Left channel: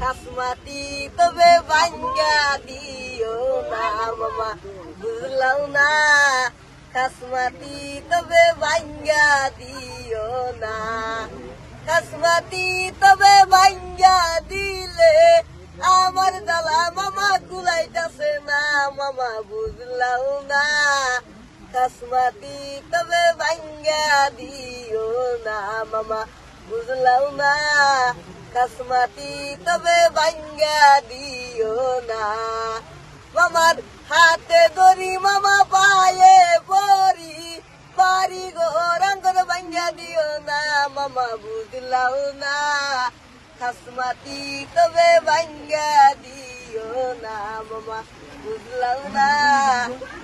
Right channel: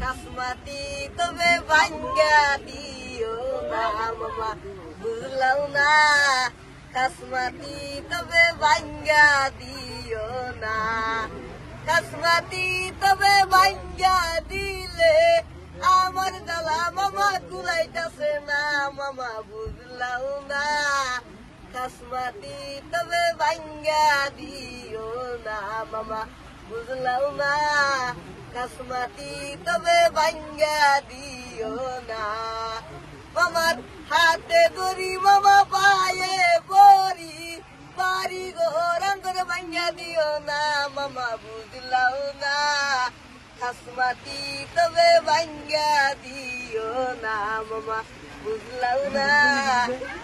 খাসমাতি তবে ভাঙ্গা দিও না মামা বুঝলাম না খাসমাতি তবে ভাঙ্গা দিও না খাসমাতি তবে ভাঙ্গা দিলে আমার জ্বালা মামা কুলাইতাছে না মামা বুঝলাম না খাসমাতি তবে ভাঙ্গা দিও না মামা বুঝলাম না খাসমাতি তবে ভাঙ্গা দিও না মামার হাতে ধরি মামা পায়ে পরি বাড়ি ঘর আঙ্গর ভাঙ্গা দিও না মামা বুঝলাম না খাসমাতি তবে ভাঙ্গা দিও না মামা বুঝলাম না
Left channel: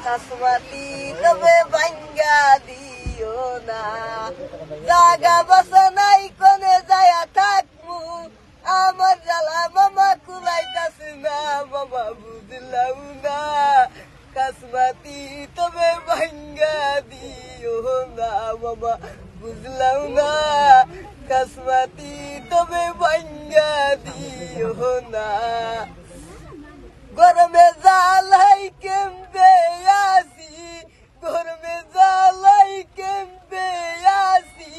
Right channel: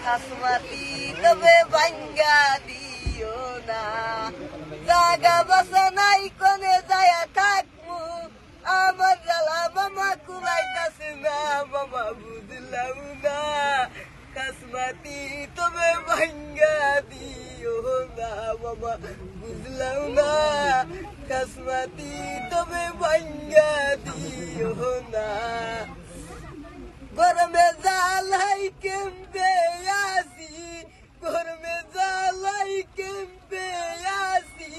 খাসমাতি তবে ভাঙ্গা দিও না জাগা বাসা নাই কোনে যায়া থাকবো আমার জ্বালা মামা কুলাইতাছে না মামা বুঝলাম না খাসমাতি তবে ভাঙ্গা দিও না মামা বুঝলাম না খাসমাতি তবে ভাঙ্গা দিও না গরমে জালাই কেমবে আসি গরমে জালাই কেমবে আসি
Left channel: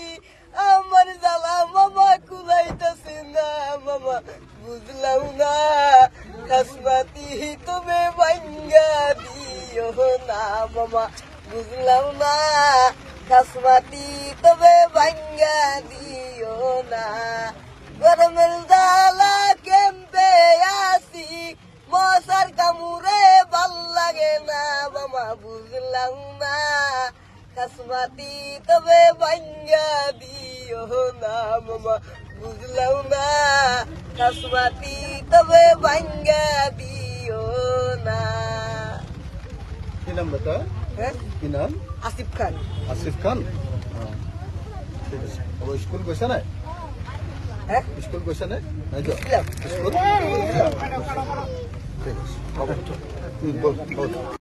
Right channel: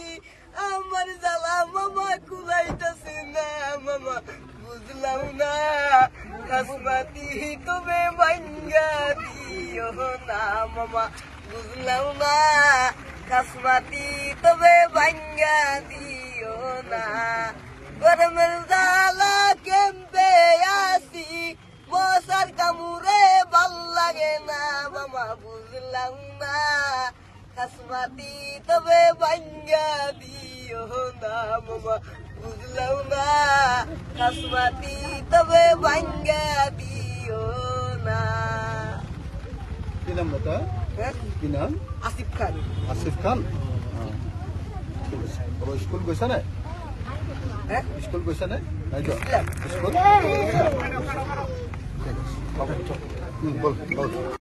আমার জ্বালা মামা কুলাইতাছে না মামা বুঝলাম না খাসমাতি তবে ভাঙ্গা দিও না মামা বুঝলাম না খাসমাতি তবে ভাঙ্গা দিও না গরমের জ্বালা কেমবে আসি মশার কামড়ে ভাল লাগে না মামা বুঝলাম না খাসমাতি তবে ভাঙ্গা দিও না মামা বুঝলাম না খাসমাতি তবে ভাঙ্গা দিও না কি নাম বতা কি নাম আসিফ খান আসিফ খান ঠিক আছে স্কুল গৈছা নাই স্কুল গৈছা নাই স্কুল ঠিক আছে হ'ব বল